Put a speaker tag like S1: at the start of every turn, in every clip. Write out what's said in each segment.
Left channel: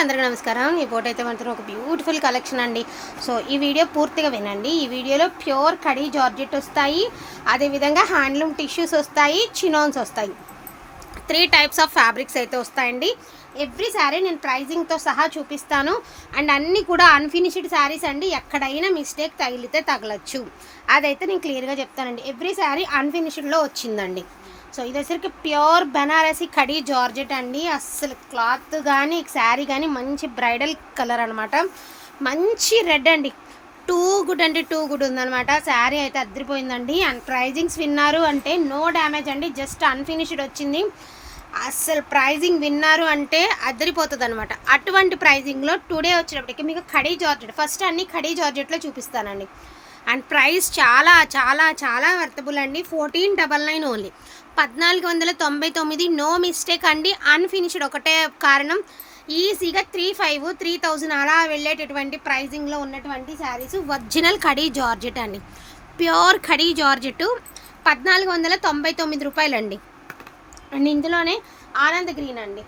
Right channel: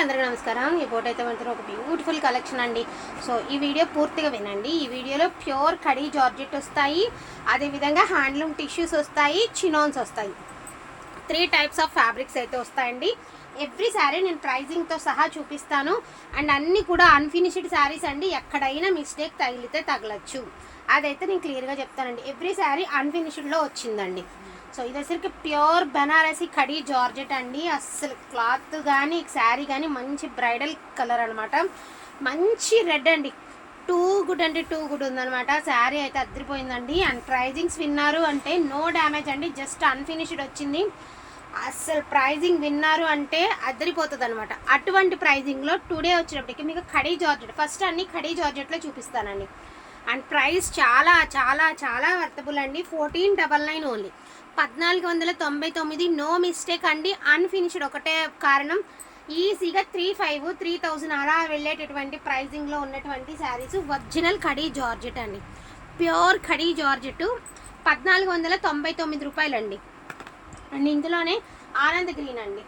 S1: అందరికీ నమస్కారం. ఈ ఫోటో అయితే మనతో ఒక బ్యూటిఫుల్ కలెక్షన్ అండి. సో ఈ వీడియో పూర్తిగా వినండి. ఈ వీడియోలో ప్యూర్ కడీ జార్జెట్ వస్తాయి. అదేవిధంగా హ్యాండ్లూమ్ టిష్యూస్ వస్తాయి చినోన్స్ వస్తాయి. త్రీ టైప్స్ ఆఫ్ ఫ్యాబ్రిక్స్ అయితే వస్తాయండి. ఎవ్రీ శారీ నేను ప్రైజింగ్తో సహా చూపిస్తాను. అండ్ అన్నీ కూడా అన్ఫినిష్డ్ శారీస్ అండి. ఎక్కడైనా మిస్టేక్ తగిలితే తగలచ్చు. అదైతే నేను క్లియర్గా చెప్తానండి. ఎవ్రీ శారీ అన్ఫినిష్డ్లో వచ్చిందండి. సో ఇది వచ్చరికి ప్యూర్ బెనారసి కడి జార్జెట్ అండి. అస్సలు క్లాత్ కానీ శారీ కానీ మంచి బ్రైడల్ కలర్ అనమాట మంచి రెడ్ అండి. టూ గుడ్ అంటే టూ గుడ్ ఉందనమాట శారీ అయితే అద్దరిపోయిందండి. అండ్ ప్రైజింగ్స్ విన్నారు అంటే నో డ్యామేజ్ అండి. జస్ట్ అన్ఫినిష్డ్ వచ్చింది. అస్సలు ప్రైజింగ్ విన్నారు అంటే అద్దరిపోతుంది అనమాట అటువంటి ప్రైజింగ్లో టుడే వచ్చేటప్పటికి మీకు ఖడీ జార్జెట్ ఫస్ట్ అన్ని ఖడీ జార్జెట్లో చూపిస్తానండి. అండ్ ప్రైస్ చాలా చాలా చాలా వర్తబుల్ అండి. Fourteen double nine only. పద్నాలుగు వందల తొంభై తొమ్మిది నో మిస్టేక్ అండి. అన్ఫినిష్డ్ ఒకటే కారణం. ఈజీగా త్రీ ఫైవ్ త్రీ థౌజండ్ అలా వెళ్ళేటటువంటి ప్రైజింగ్లో ఉన్నటువంటి శారీస్. ఒరిజినల్ ఖడీ జార్జెట్ అండి. Pure khaddi georgette. పద్నాలుగు వందల తొంభై తొమ్మిది రూపాయలండి. అండ్ ఇందులోనే ఆనంద్ గ్రీన్ అండి.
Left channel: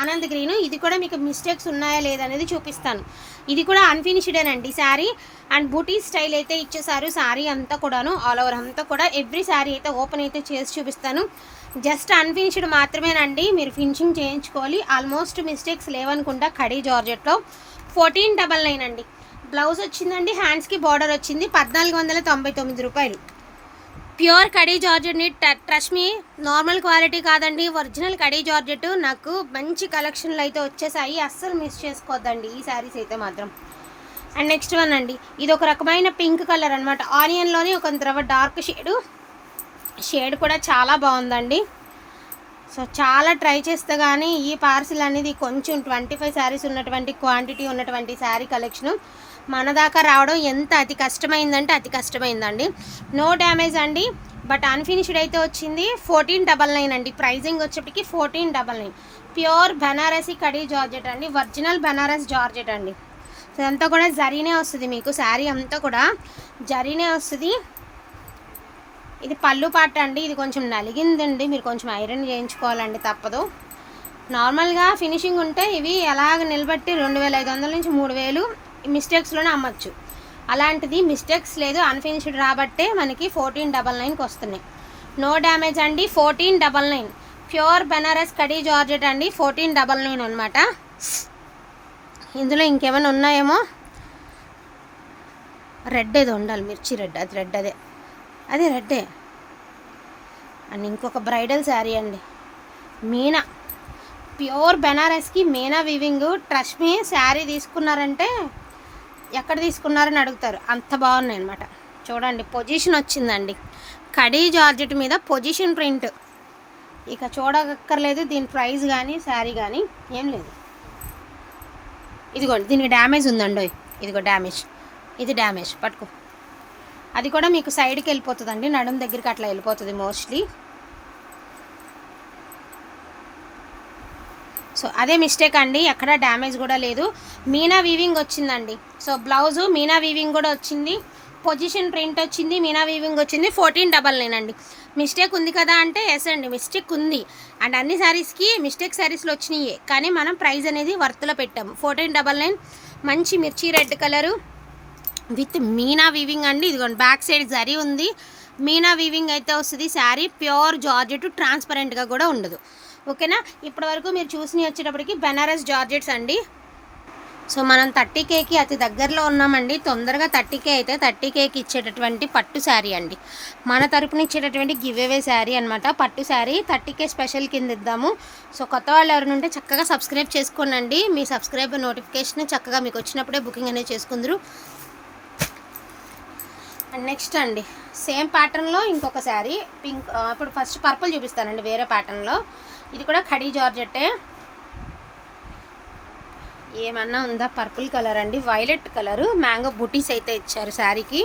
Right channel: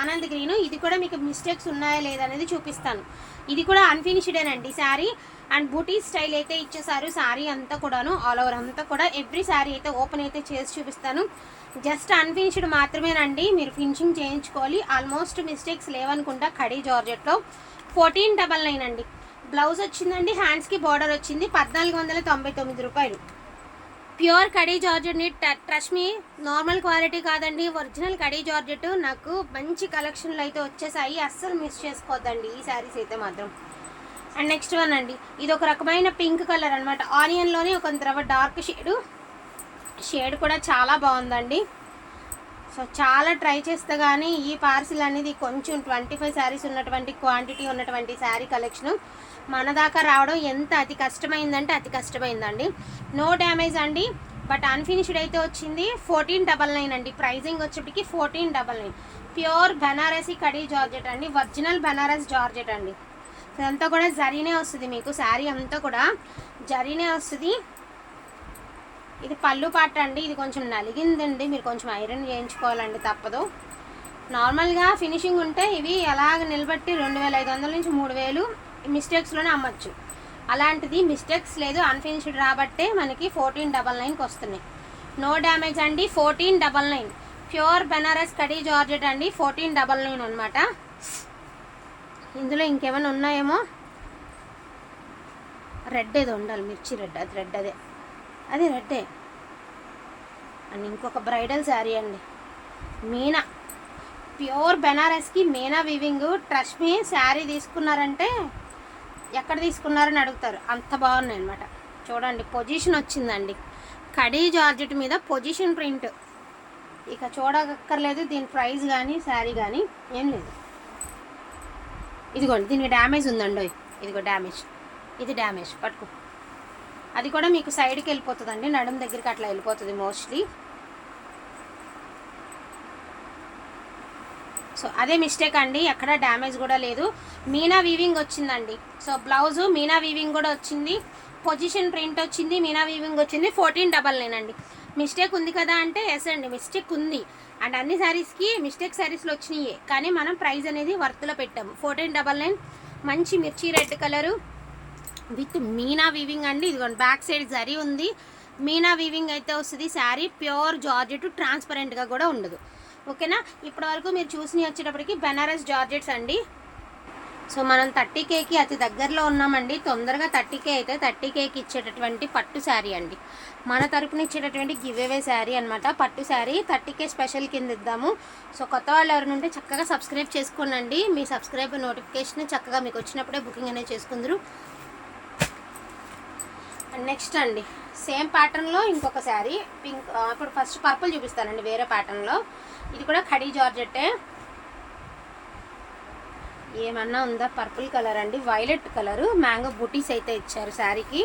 S1: ఆనంద్ గ్రీన్ ఇది కూడా మీకు మిస్టేక్స్ ఉన్నాయా లేదనేది చూపిస్తాను. ఇది కూడా అన్ఫినిష్డేనండి శారీ. అండ్ బూటీ స్టైల్ అయితే ఇచ్చేసారు శారీ అంతా కూడాను ఆల్ ఓవర్ అంతా కూడా ఎవ్రీ శారీ అయితే ఓపెన్ అయితే చేసి చూపిస్తాను. జస్ట్ అన్ఫినిష్డ్ మాత్రమేనండి. మీరు ఫినిషింగ్ చేయించుకోవాలి. ఆల్మోస్ట్ మిస్టేక్స్ లేవనుకుంటా కడీ జార్జెట్లో. ఫోర్టీన్ డబల్ నైన్ అండి. బ్లౌజ్ వచ్చిందండి. హ్యాండ్స్కి బార్డర్ వచ్చింది. పద్నాలుగు వందల తొంభై తొమ్మిది రూపాయలు. ప్యూర్ కడీ జార్జెట్ని ట్రస్ట్ మీ నార్మల్ క్వాలిటీ కాదండి. ఒరిజినల్ కడీ జార్జెట్ నాకు మంచి కలెక్షన్లు అయితే వచ్చేసాయి. అస్సలు మిస్ చేసుకోవద్దండి ఈ శారీస్ అయితే మాత్రం. అండ్ నెక్స్ట్ వన్ అండి. ఇది ఒక రకమైన పింక్ కలర్ అనమాట ఆనియన్లోనే ఒక ద్రవ డార్క్ షేడు షేడ్ కూడా చాలా బాగుందండి. సో చాలా ట్రై చేస్తే కానీ ఈ పార్సిల్ అనేది కొంచెం ట్వంటీ ఫైవ్ శారీస్ ఉన్నటువంటి క్వాంటిటీ ఉన్నటువంటి శారీ కలెక్షన్ మన దాకా రావడం ఎంత అతి కష్టమైందంటే అతి కష్టమైందండి. నో డ్యామేజ్ అండి. బట్ అన్ఫినిష్డ్ అయితే వచ్చింది ఫోర్టీన్ డబల్ నైన్ అండి. ప్రైజింగ్ వచ్చేప్పటికి fourteen double nine. Pure Banarasi khaddi georgette అండి. ఒరిజినల్ బెనారస్ జార్జెట్ అండి. సో ఇదంతా కూడా జరీనే వస్తుంది మీకు. శారీ అంతా కూడా జరీనే వస్తుంది. ఇది పళ్ళు పాట అండి ఇది కొంచెం నలిగిందండి మీరు కొంచెం ఐరన్ చేయించుకోవాలండి తప్పదు. నార్మల్గా ఫినిషింగ్ ఉంటే ఇవి ఎలాగ నిలబెట్టి రెండు వేల ఐదు వందల నుంచి మూడు వేలు మిస్టేక్స్లోనే అమ్మచ్చు. అలాంటిది మిస్టేక్స్ లేదు అన్ఫినిష్డ్ రాబట్టే మనకి ఫోర్టీన్ డబల్ నైన్కి వస్తున్నాయి. నో డ్యామేజ్ అండి fourteen double nine. Pure Banaras khaddi georgette అండి ఫోర్టీన్ డబల్ నైన్ అనమాట ఇందులో ఇంకేమైనా ఉన్నాయేమో? రెడ్ ఏదో ఉండాలి మిర్చి రెడ్ అది రెడ్ అదే. అది రెడ్డే. అండ్ ఇంకొక బ్రైడల్ శారీ అండి. Meena. Pure బెనారస్కి meena weaving trust me sari తీసుకున్నారంటే ఎక్కడ తీసుకున్నారని అడుగుతారు. అంత బాగున్నాయి అనమాట చూడండి పొజిషన్ వచ్చిందండి. కడీ జార్జెట్ మీద పొజిషన్ ప్రింట్. ఇక చూడక్కర్లేదు దీని ప్రైస్ కానీ శారీ కానీ ఏం లేదు. ఇదిగోండి దీనికి డ్యామేజ్ ఉందండి ఇదిగో డ్యామేజ్. ఇది డ్యామేజ్ పట్టుకో. అది కూడా మీకు సైడ్కి వెళ్ళిపోతుందండి. నడుము దగ్గరికి అట్లా వెళ్ళిపోతుంది మోస్ట్లీ. సో అదే మిస్టేక్ అండి. ఎక్కడ డ్యామేజ్ కూడా లేదు. మీనా వీవింగ్ వచ్చిందండి. సో బ్లౌజు మీనా వీవింగ్ కూడా వచ్చింది. పొజిషన్ ప్రింట్ వచ్చింది మీనా వీవింగ్ వచ్చింది. ఫోర్టీన్ డబల్ నైన్ అండి. మిస్టేక్ ఉంది కదా అంటే ఎస్ అండి. మిస్టేక్ ఉంది. అండ్ అన్ని శారీస్కి మిస్టేక్ శారీస్లో వచ్చినాయే. కానీ మనం ప్రైస్ అనేది వర్త్లో పెట్టాము. Fourteen double nine. మంచి మిర్చి red colour. With meena weaving అండి. ఇదిగోండి బ్యాక్ సైడ్ జరీ ఉంది. మీనా వీవింగ్ అయితే వస్తుంది. శారీ ప్యూర్ జార్జెట్ ట్రాన్స్పరెంట్గా కూడా ఉండదు. ఓకేనా? ఇప్పటి వరకు మీరు చూసి వచ్చేటప్పటికి బెనారస్ జార్జెట్స్ అండి. సో మనం థర్టీ కేకి అతి దగ్గరలో ఉన్నామండి. తొందరగా థర్టీ కే అయితే థర్టీ కేకి ఇచ్చేటటువంటి పట్టు శారీ అండి. మన తరపున ఇచ్చేటటువంటి గివ్ అవే శారీ అనమాట పట్టు శారీ థర్టీ కే స్పెషల్ కింద ఇద్దాము. సో కొత్త వాళ్ళు ఎవరైనా ఉంటే చక్కగా సబ్స్క్రైబ్ చేసుకోనండి. మీ సబ్స్క్రైబ్ నోటిఫికేషన్ చక్కగా మీకు వచ్చినప్పుడే బుకింగ్ అనేది చేసుకుందరు. నెక్స్ట్ అండి. సేమ్ ప్యాటర్న్లో ఇంకొక శారీ. పింక్ ఇప్పుడు ఫస్ట్ పర్పుల్ చూపిస్తానండి వేరే ప్యాటర్న్లో. ఇది కూడా ఖడీ జార్జెట్టే. ఏమన్నా ఉందా? పర్పుల్ కలర్ అండి. Violet colour. మ్యాంగో బుటీస్ అయితే ఇచ్చారు శారీకి.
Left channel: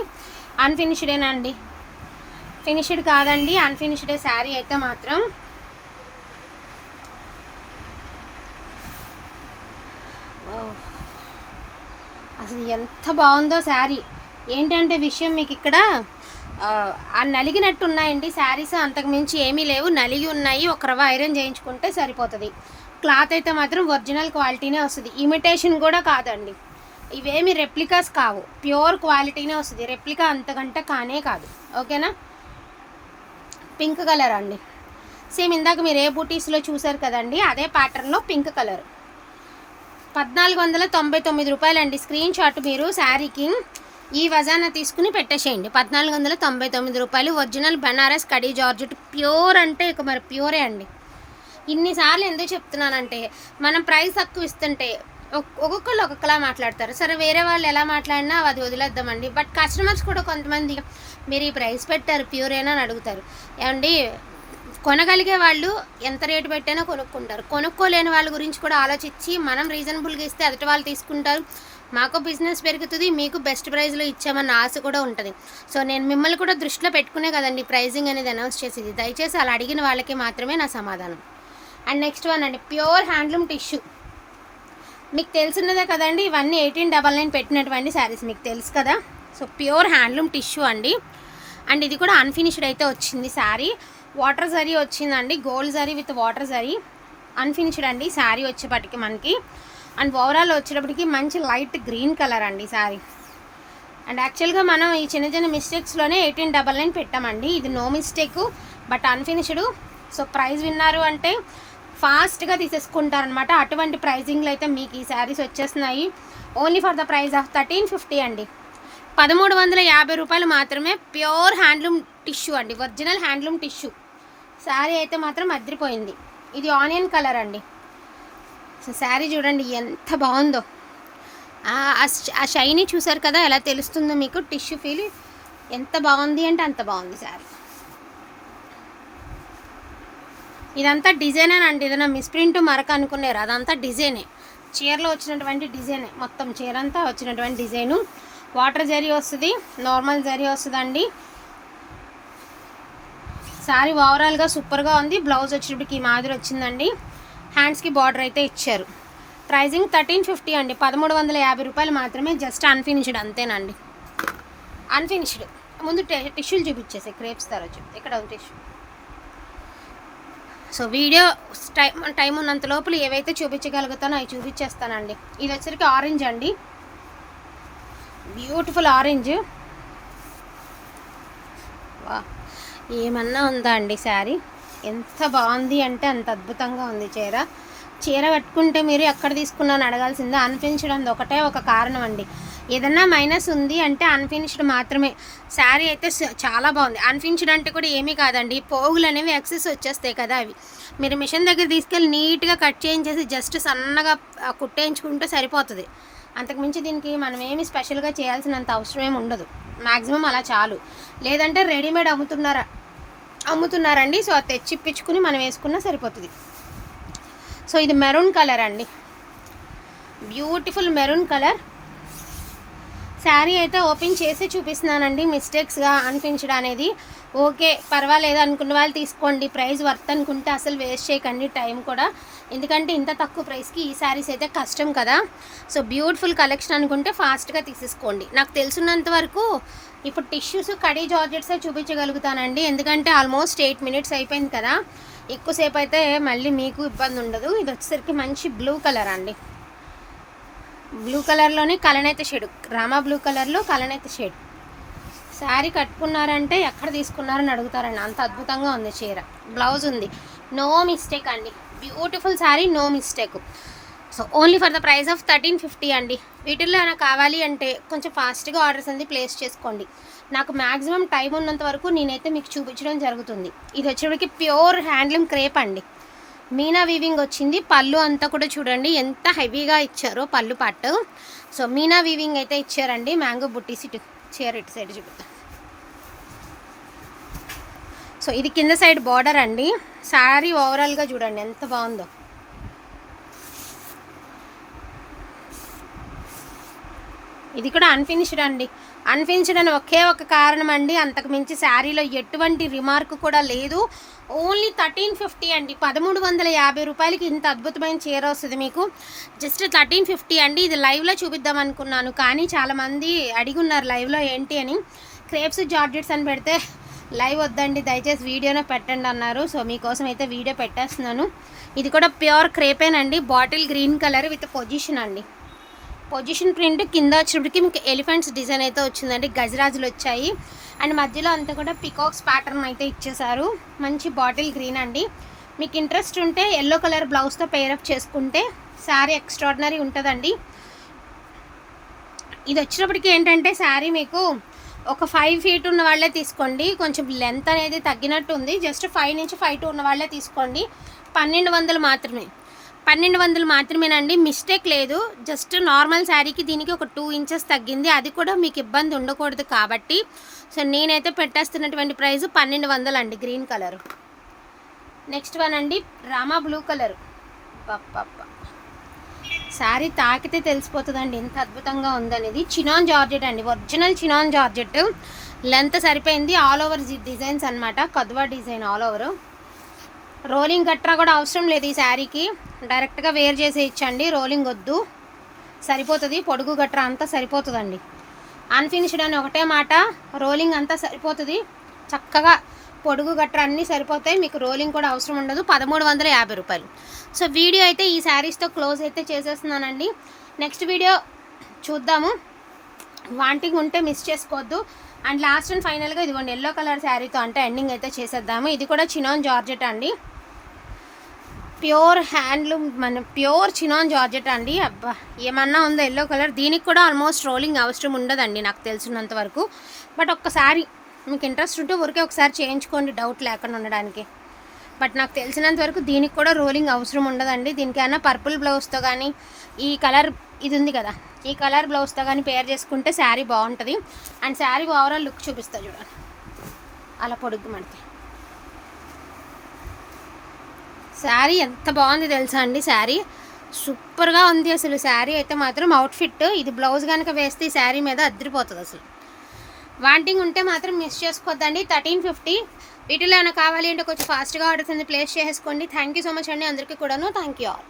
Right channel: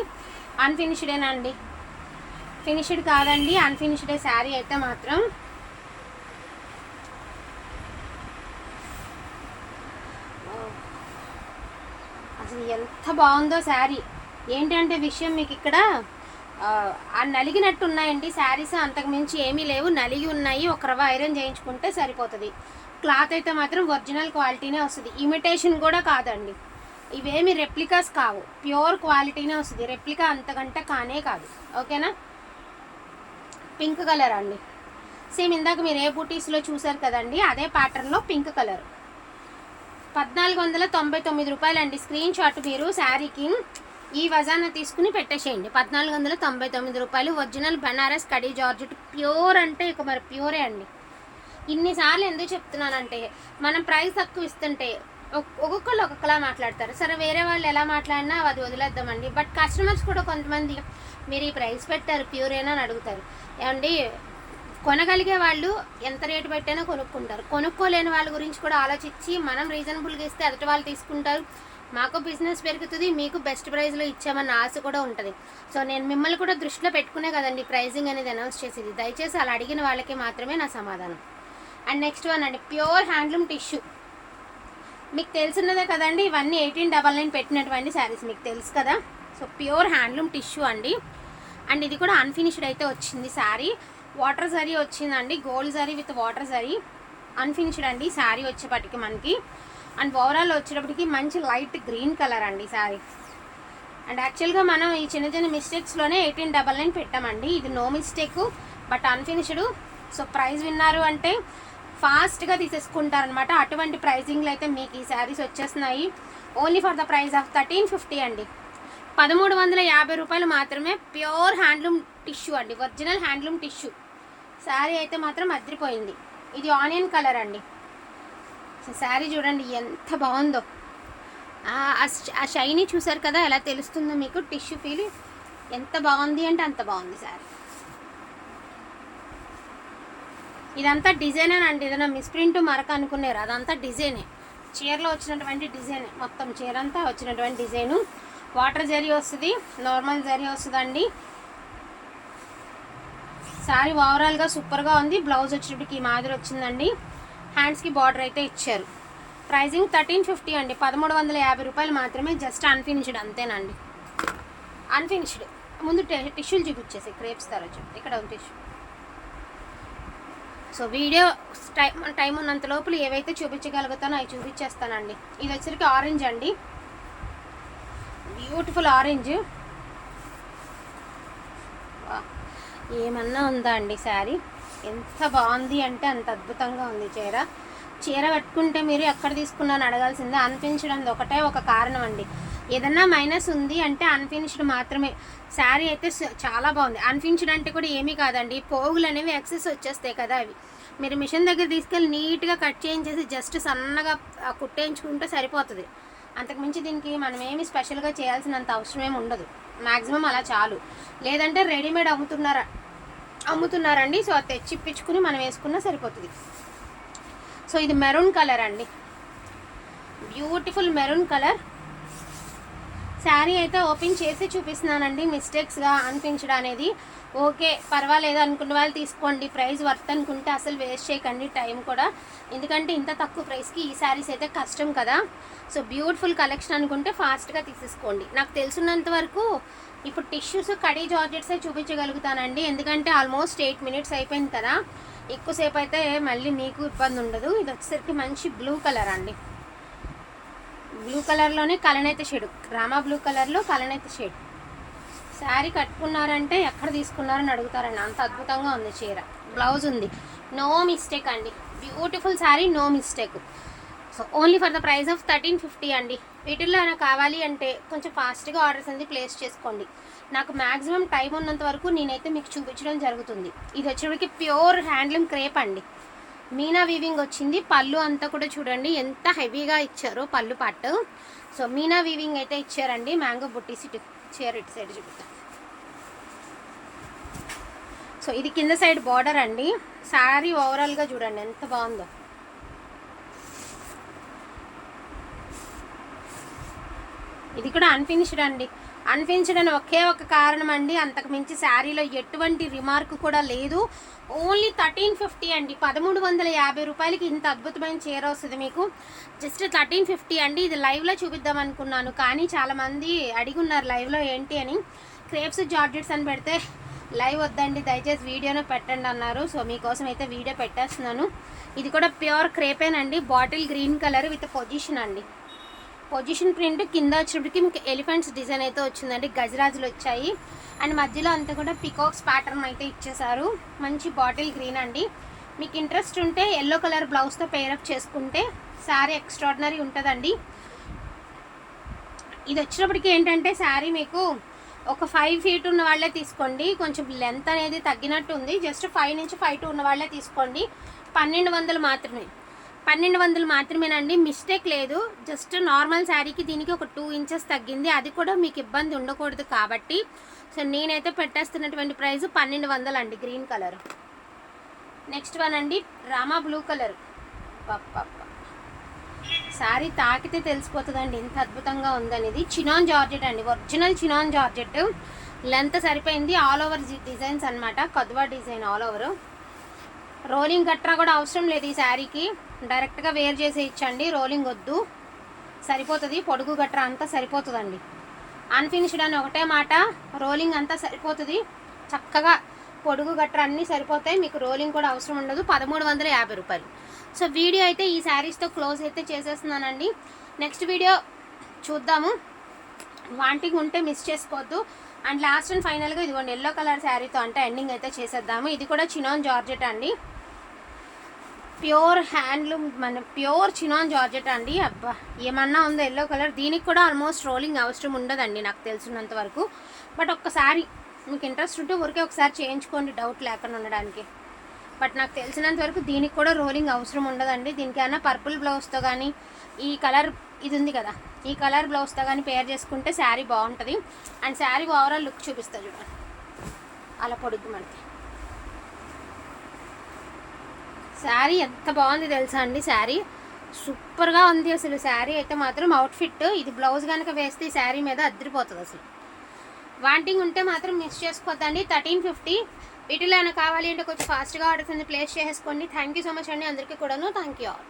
S1: అన్ఫినిష్డేనండి ఫినిష్డ్ కాదండి. అన్ఫినిష్డే శారీ అయితే మాత్రం అసలు ఎంత బాగుందో శారీ. ఏంటంటే విషయం మీకు ఇక్కడ ఆ, నలిగినట్టు ఉన్నాయండి శారీస్ అంతకు మించి ఏమీ లేవు. నలిగి ఉన్నాయి ఒక రవ్వ ఐరన్ చేయించుకుంటే సరిపోతుంది. క్లాత్ అయితే మాత్రం ఒరిజినల్ క్వాలిటీనే వస్తుంది. ఇమిటేషన్ కూడా కాదండి. ఇవేమి రెప్లికాస్ కావు. ప్యూర్ క్వాలిటీనే వస్తుంది. రెప్లికా అంతకంటే కానే కాదు. ఓకేనా? పింక్ కలర్ అండి. సేమ్ ఇందాక మీరు ఏ బూటీస్లో చూసారు కదండి అదే ప్యాటర్న్లో పింక్ కలర్. పద్నాలుగు వందల తొంభై తొమ్మిది రూపాయలండి. స్క్రీన్ షాట్ మీరు శారీకి. ఈ వజాన తీసుకుని పెట్టేసేయండి. పద్నాలుగు వందల తొంభై తొమ్మిది రూపాయలు. Original Banaras khadi georgette pure అంటే ఇక మరి ప్యూరే అండి. ఇన్నిసార్లు ఎందుకు చెప్తున్నానంటే మనం ప్రైస్ తక్కువ ఇస్తుంటే ఒక్- ఒక్కొక్కళ్ళు ఒక్కొక్కలా మాట్లాడతారు. సరే వేరే వాళ్ళు ఎలా మాట్లాడినా అది వదిలేద్దామండి. బట్ కస్టమర్స్ కూడా కొంతమంది మీరు ఈ ప్రైస్ పెట్టారు ప్యూరేనా అని అడుగుతారు. ఏమండి కొనగలిగే వాళ్ళు ఎంత రేటు పెట్టైనా కొనుక్కుంటారు. కొనుక్కోలేని వాళ్ళ గురించి కూడా ఆలోచించి మనం రీజనబుల్గా ఇస్తే ఎదుటి వాళ్ళు తీసుకుంటారు. మాకు బిజినెస్ పెరుగుతుంది మీకు బెస్ట్ ప్రైస్లో ఇచ్చామన్న ఆశ కూడా ఉంటుంది. సో నేను మిమ్మల్ని కూడా దృష్టిలో పెట్టుకునే కదండి ప్రైజింగ్ అనేది అనౌన్స్ చేసేది. దయచేసి అలా అడిగిన వాళ్ళకి మాత్రమే నా సమాధానం. అండ్ నెక్స్ట్ వన్ అండి ప్యూర్ హ్యాండ్లూమ్ టిష్యూ. మీకు తెలిసినదే కదండి ఇవన్నీ ఎయిటీన్ డబల్ నైన్ పెట్టినటువంటి శారీస్ మీకు తెలుసు కదా. సో ప్యూర్ హ్యాండ్లూమ్ టిష్యూ అండి. అండ్ ఇది కూడా అన్ఫినిష్డ్ అయితే వచ్చింది శారీ. వాటర్ జరీ వచ్చిందండి gold zari with water zari. Unfinished అండి శారీ వచ్చేపటికి మనకి. అండ్ ఓవరాల్ వచ్చేటప్పటికి మంచి లైట్ గ్రీన్ కలర్ అండి శారీ. అండ్ యాక్చువల్గా మనం ఈ చిన్న చిన్న మిస్టేక్స్లోనే ఎయిటీన్ డబల్ నైన్ పెట్టామండి. ఇది no mistake but unfinished so price విన్నారు అంటే ఫాస్ట్గా తీసేసుకుంటారనమాట అటువంటి ప్రైజింగ్లో అయితే మీకు ఈ శారీస్ వచ్చేస్తున్నాయి. Only for the price of thirteen fifty అండి. పదమూడు వందల యాభై రూపాయలు మాత్రమే ప్యూర్ హ్యాండ్లూమ్ టిష్యూ అండి. Original handloom tissue. శారీ అయితే మాత్రం అద్రిపోయింది ఇది ఆనియన్ కలర్ అండి. సో శారీ చూడండి ఎంత బాగుందో. ఆ- షైనీ చూసారు కదా ఎలా తెలుస్తుందో మీకు? టిష్యూ ఫీల్ ఎంత బాగుంది అంటే అంత బాగుంది శారీ. ఇదంతా డిజైనే అండి. ఏదైనా మిస్ప్రింట్ మరక అనుకున్నారు అదంతా డిజైనే. చీరలో వచ్చినటువంటి డిజైనే. మొత్తం చీర అంతా వచ్చినటువంటి డిజైను. వాటర్ జరీ వస్తుంది నార్మల్ జరీ వస్తుందండి. శారీ ఓవరాల్గా సూపర్గా ఉంది. బ్లౌజ్ వచ్చేటప్పటికి ఈ మాదిరి వచ్చిందండి. హ్యాండ్స్కి బార్డర్ అయితే ఇచ్చారు. ప్రైజింగ్ థర్టీన్ ఫిఫ్టీ అండి. పదమూడు వందల యాభై రూపాయలు మాత్రమే జస్ట్ అన్ఫినిష్డ్ అంతేనండి. అన్ఫినిష్డ్ ముందు టిష్యూలు చూపించేసి క్రేప్స్ తరచు ఇక్కడ ఒక tissue so video time time ఉన్నంత లోపల ఏవైతే చూపించగలుగుతానో అవి చూపించేస్తానండి. ఇది వచ్చరికి ఆరెంజ్ అండి. Beautiful orange. ఏమన్నా ఉందా అండి శారీ? ఎంత బాగుంది అంటే అంత అద్భుతంగా ఉంది చీర. చీర కట్టుకుంటే మీరు ఎక్కడ తీసుకున్నాను అడగాల్సిందే. అనిపించడం ఒకటే ఒక కారణం అండి. ఏదన్నా మైనస్ ఉంది అంటే అన్ఫినిష్డ్ మాత్రమే. శారీ అయితే చాలా బాగుంది. అన్ఫినిష్డ్ అంటే కూడా ఏమీ కాదండి. పోగులు అనేవి ఎక్సెస్ వచ్చేస్తాయి కదా అవి. మీరు మిషన్ దగ్గర తీసుకెళ్ళి నీట్గా కట్ చేయించేసి జస్ట్ సన్నగా కుట్టేయించుకుంటే సరిపోతుంది. అంతకుమించి దీనికి మనం ఏమి స్పెషల్గా చేయాల్సినంత అవసరం ఏమి ఉండదు. మ్యాక్సిమం అలా చాలు. లేదంటే రెడీమేడ్ అమ్ముతున్నారా అమ్ముతున్నారండి. సో అది తెచ్చిప్పించుకుని మనం వేసుకున్నా సరిపోతుంది. సో ఇది మెరూన్ కలర్ అండి. Beautiful maroon colour. శారీ అయితే ఓపెన్ చేసి చూపిస్తున్నానండి. మిస్టేక్స్గా అనిపించడం అనేది ఓకే పర్వాలేదు అనుకున్న వాళ్ళు తీసుకోండి. ప్రైస్ వర్త్ అనుకుంటే అసలు వేస్ట్ చేయకండి టైం కూడా. ఎందుకంటే ఇంత తక్కువ ప్రైస్కి ఈ శారీస్ అయితే కష్టం కదా. సో బ్యూటిఫుల్ కలెక్షన్ అనుకుంటే ఫాస్ట్గా తీసేసుకోండి. నాకు తెలిసినంత వరకు ఇప్పుడు టిష్యూస్ కడీ జార్జెట్సే చూపించగలుగుతానండి. ఎందుకంటే ఆల్మోస్ట్ ఎయిట్ మినిట్స్ అయిపోయింది కదా. ఎక్కువసేపు అయితే మళ్ళీ మీకు ఇబ్బంది ఉండదు. ఇది వచ్చేసరికి మంచి బ్లూ కలర్ అండి. బ్లూ కలర్లోనే కలనైతే షేడ్ రామా బ్లూ కలర్లో కలనైతే షేడ్. శారీ కట్టుకున్నారంటే ఎక్కడ తీసుకున్నారని అడుగుతారండి. అంత అద్భుతంగా ఉంది చీర. బ్లౌజ్ ఉంది. నో మిస్టేక్ అండి. Beautiful sari no mistake. So only for the price of thirteen fifty అండి. వీటిల్లో ఏమైనా కావాలి అంటే కొంచెం ఫాస్ట్గా ఆర్డర్స్ అనేది ప్లేస్ చేసుకోండి. నాకు మ్యాక్సిమం టైం ఉన్నంత వరకు నేనైతే మీకు చూపించడం జరుగుతుంది. ఇది వచ్చేటికి ప్యూర్ హ్యాండ్లూమ్ క్రేప్ అండి. మీనా వీవింగ్ వచ్చింది. పళ్ళు అంతా కూడా చూడండి ఎంత హెవీగా ఇచ్చారో పళ్ళు పట్టు సో మీనా వీవింగ్ అయితే ఇచ్చారండి. మ్యాంగో బుట్టీస్ ఇటు చీర ఇటు సైడ్ చూపుతా సో ఇది కింద సైడ్ బార్డర్ అండి. శారీ ఓవరాల్గా చూడండి ఎంత బాగుందో. ఇది కూడా అన్ఫినిష్డ్ అండి. అన్ఫినిష్డ్ అని ఒకే ఒక కారణం అండి అంతకు మించి శారీలో ఎటువంటి రిమార్క్ కూడా లేదు. ఓన్లీ థర్టీన్ ఫిఫ్టీ అండి. పదమూడు వందల యాభై రూపాయలకి ఇంత అద్భుతమైన చీర వస్తుంది మీకు. జస్ట్ థర్టీన్ ఫిఫ్టీ అండి. ఇది లైవ్లో చూపిద్దాం అనుకున్నాను. కానీ చాలామంది అడిగి ఉన్నారు లైవ్లో ఏంటి అని. క్రేప్స్ జార్జెట్స్ అని పెడితే లైవ్ వద్దండి. దయచేసి వీడియోనే పెట్టండి అన్నారు. సో మీకోసం అయితే వీడియో పెట్టేస్తున్నాను. ఇది కూడా pure క్రేపేనండి bottle green colour with position అండి. పొజిషన్ ప్రింట్ కింద వచ్చేటప్పటికి మీకు ఎలిఫెంట్స్ డిజైన్ అయితే వచ్చిందండి. గజరాజులు వచ్చాయి. అండ్ మధ్యలో అంతా కూడా పికాక్స్ ప్యాటర్న్ అయితే ఇచ్చేసారు మంచి బాటిల్ గ్రీన్ అండి. మీకు ఇంట్రెస్ట్ ఉంటే ఎల్లో కలర్ బ్లౌజ్తో పేరప్ చేసుకుంటే శారీ ఎక్స్ట్రాడినరీ ఉంటుందండి. ఇది వచ్చినప్పటికి ఏంటంటే శారీ మీకు ఒక ఫైవ్ ఫీట్ ఉన్న వాళ్ళే తీసుకోండి. కొంచెం లెంత్ అనేది తగ్గినట్టు ఉంది జస్ట్ ఫైవ్ నుంచి ఫైవ్ టూ ఉన్న వాళ్ళే తీసుకోండి. పన్నెండు వందలు మాత్రమే. పన్నెండు వందలు మాత్రమేనండి. మిస్టేక్ లేదు. జస్ట్ నార్మల్ శారీకి దీనికి ఒక టూ ఇంచెస్ తగ్గింది. అది కూడా మీకు ఇబ్బంది ఉండకూడదు కాబట్టి. సో నేనైతే పెట్టేస్తున్నటువంటి ప్రైస్ పన్నెండు వందలు అండి గ్రీన్ కలర్. నెక్స్ట్ వన్ అండి రామా బ్లూ కలర్. శారీ తాకితే తెలిసిపోతుందండి. ఎంత అద్భుతంగా ఉందనేది. చినాన్ జార్జెట్ అండి. Original chinon georgette. లెంత్ సరిపోయింది. ఆల్ ఓవర్ డిజైన్స్ అనమాట కదువా డిజైన్ ఆల్ ఓవర్. రోలింగ్ గట్రా కూడా అవసరం లేదు ఈ శారీకి. డైరెక్ట్గా వేర్ చేసి ఇచ్చండి రోలింగ్ వద్దు. సరిపోతుంది పొడుగు గట్రా అంతా సరిపోతుందండి. అన్ఫినిష్డ్ అని ఒకటే మాట రోలింగ్ అంతా సరిపోతుంది. చక్కగా పొడుగు గట్రా అన్నీ సరిపోతాయి మీకు రోలింగ్ కూడా అవసరం ఉండదు. పదమూడు వందల యాభై రూపాయలు. సో వీడియో అయితే ఈ శారీస్తో క్లోజ్ అయితే చేసేస్తున్నానండి. నెక్స్ట్ వీడియో చూద్దాము. వాంటింగ్ ఉంటే మిస్ చేసుకోవద్దు. అండ్ లాస్ట్ అండ్ ఫైనల్గా ఇదిగోండి ఎల్లో కలర్ శారీతో అంటే ఎండింగ్ అయితే చేసేద్దాము. ఇది కూడా చినాన్ జార్జెట్ అండి. ప్యూర్ హ్యాండ్లూమ్ మన ప్యూర్ చినాన్ జార్జెట్ అండి. అబ్బా ఏమన్నా ఉందో ఎల్లో కలర్ దీనికి కూడా ఆల్మోస్ట్ రోలింగ్ అవసరం ఉండదండి నాకు తెలిసినంత వరకు. బట్ ఒక్కసారి మీకు ఇంట్రెస్ట్ ఉంటే ఊరికే ఒకసారి చేయించుకోండి డౌట్ లేకుండా ఉండడానికి. బట్ నాకు తెలిసినంత వరకు దీనికి కూడా రోలింగ్ అవసరం ఉండదండి. దీనికైనా పర్పుల్ బ్లౌజ్తో కానీ ఈ కలర్ ఇది ఉంది కదా ఈ కలర్ బ్లౌజ్తో కానీ పేర్ చేసుకుంటే శారీ బాగుంటుంది. అండ్ శారీ ఓవరాల్ లుక్ చూపిస్తా చూడండి అలా పొడుగు మనకి. శారీ ఎంత బాగుంది తెలుసా అండి శారీ? సూపర్గా ఉంది అసలు శారీ అయితే మాత్రం అవుట్ఫిట్ ఇది బ్లౌజ్ కనుక వేస్తే ఈ శారీ మీద అద్దరిపోతుంది అసలు. వాంటింగ్ ఉంటే మాత్రం మిస్ చేసుకోవద్దండి థర్టీన్ ఫిఫ్టీ వీటిలో ఏమైనా కావాలి అంటే కొంచెం ఫాస్ట్గా ఆర్డర్స్ అనేది ప్లేస్ చేసుకోండి థ్యాంక్ యూ సో మచ్ అండి అందరికీ కూడాను. Thank you all